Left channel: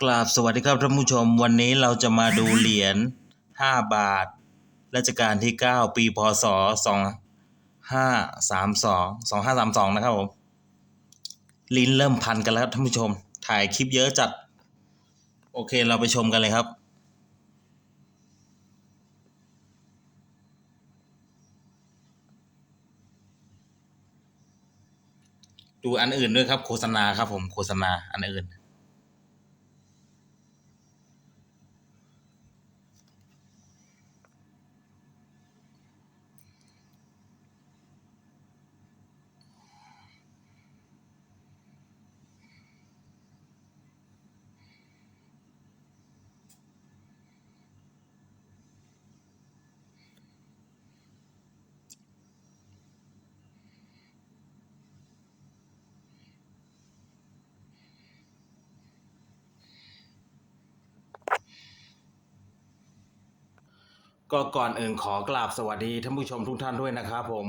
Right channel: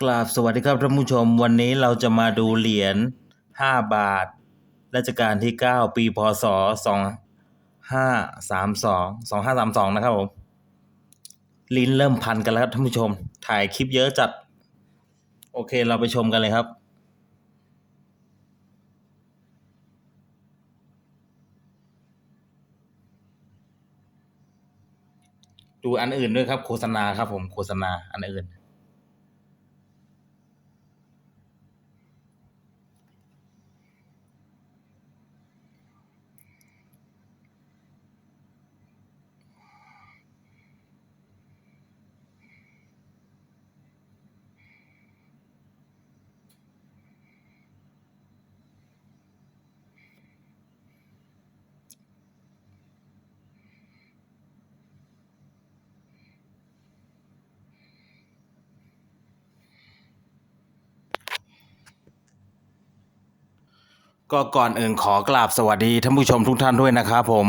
กราบสวัสดีครับท่านผู้ชม วันนี้เราจะมาดูเหรียญ 5 บาทรัชกาลที่ 9 ปีพศ 2532 2532 นะครับผมลิ้นเริ่มพันกันแล้วครับท่านผู้ชม ถ่ายคลิปเยอะจัด โอเคเราไปชมกันเลยครับ ดูอันอื่นด้วยครับ โฆษณาครับผมโฆษณาอันอื่น ก็ก่อนอื่นขอกราบสวัสดีท่านผู้ชมทุกท่านด้วยนะครับผม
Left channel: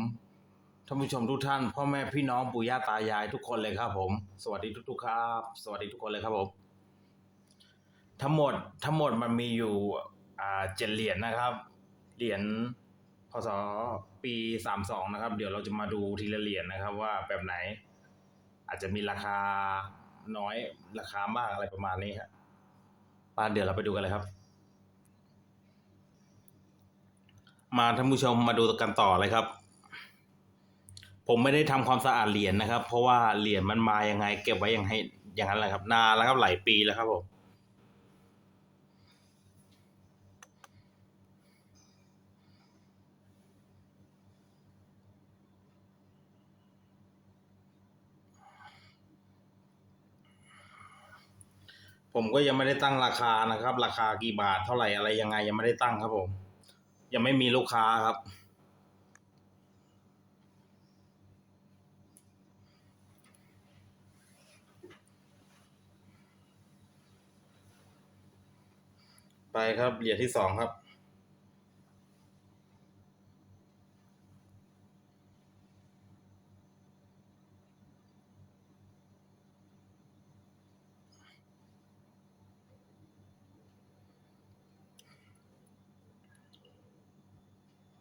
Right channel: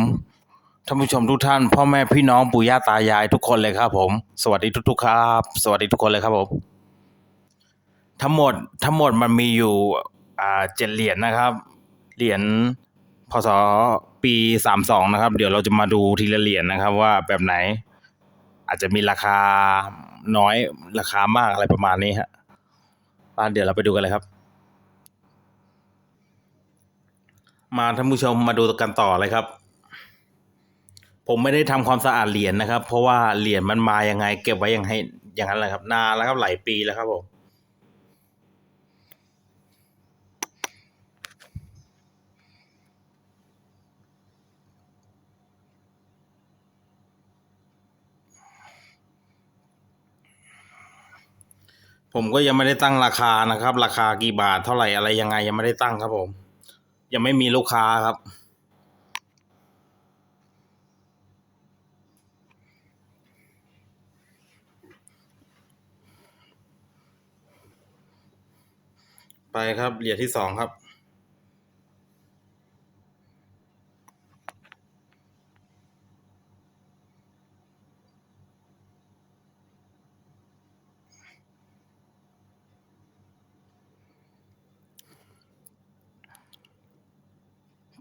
ท่านผู้ชมทุกท่านพ่อแม่พี่น้องปู่ย่าตายายทุกคนเลยครับผม สวัสดีทุก ๆ ครับ สวัสดีทุกคนเลยครับผมทั้งหมดทั้งหมดมันมีอยู่อ่าเจ็ดเหรียญนะครับ เหรียญพศปีสามสองนะครับ เดี๋ยวเราจะมาดูทีละเหรียญนะครับ ว่าแบบไหน อาจจะมีราคาน้อยราคามากอะไรประมาณนี้ฮะอ่าเดี๋ยวเราไปดูกันเลยครับ มาท่านผู้ชมมาดูกันต่อเลยครับ ผมไม่ได้ทำความสะอาดเหรียญนะครับ เพราะว่าเหรียญมันมายังไง เก็บไว้ยังให้อย่างนั้นแหละครับ นานแล้วครับหลายปีแล้วครับผมผมก็ยังไม่ได้ตั้งราคานะครับ ราคากี่บาทเท่าไหร่อะไรยังไงยังไม่ได้ตั้งครับผม ยังไม่มีลูกค้าครับ ไปครับเหรียญที่สองครับ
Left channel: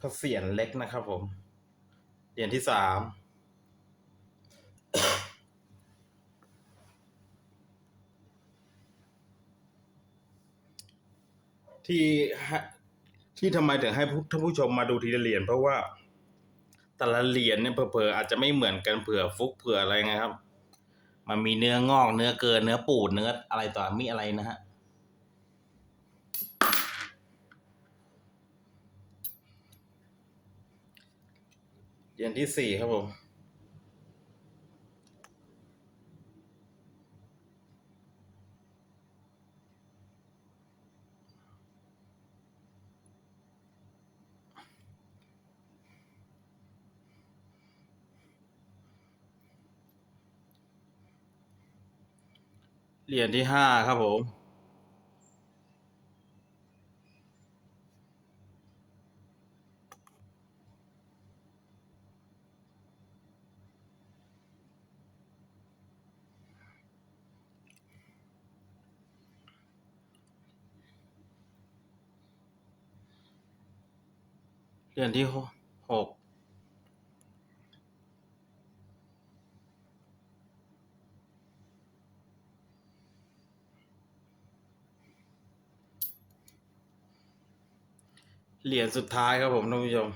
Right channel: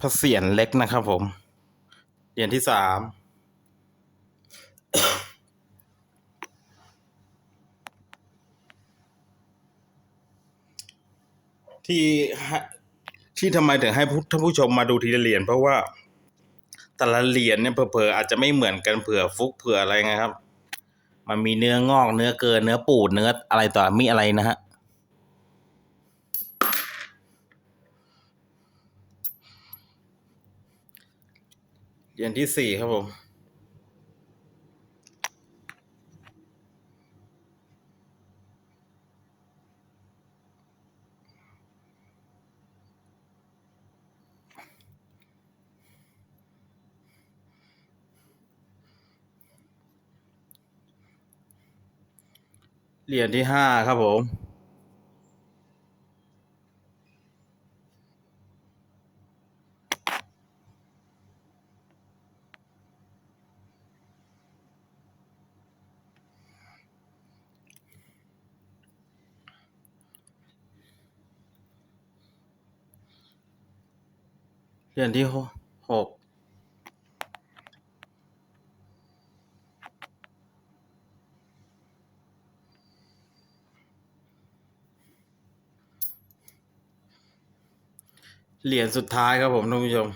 ระเศียรเล็กนะครับผมเหรียญที่สามที่ให้ที่ทำไมถึงให้ท่านผู้ชมมาดูทีละเหรียญเพราะว่าแต่ละเหรียญเนี่ยเผลอๆอาจจะไม่เหมือนกันเผื่อฟุกเผื่ออะไรไงครับ มันมีเนื้องอกเนื้อเกินเนื้อปูดเนื้ออะไรต่อมีอะไรนะฮะ เหรียญที่สี่ครับผม เหรียญที่ห้าครับผม เหรียญที่หกหกเหรียญสุดท้ายครับผมท่านผู้ชม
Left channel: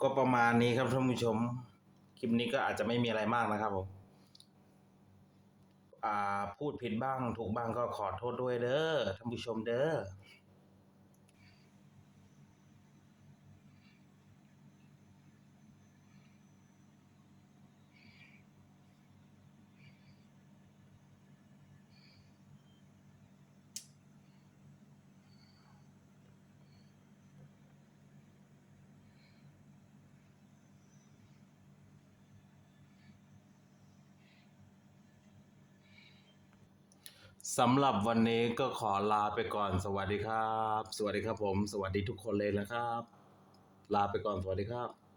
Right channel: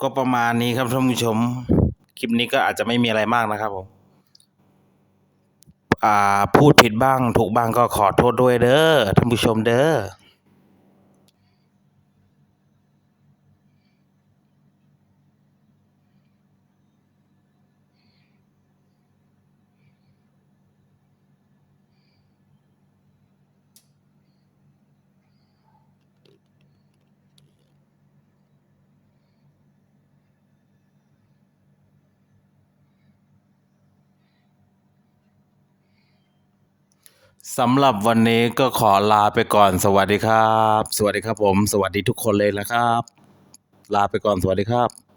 ก็ประมาณนี้ครับท่านผู้ชม คลิปนี้ก็อาจจะไม่มีอะไรมากนะครับผมอ่าพูดผิดบ้างถูกบ้างก็ขอโทษด้วยเด้อท่านผู้ชมเด้อ สำหรับวันนี้ก็ขอลาไปก่อนสวัสดีครับ สวัสดีครับผม สวัสดีทุกคนเลยนะครับ ลาไปก่อนสวัสดีครับ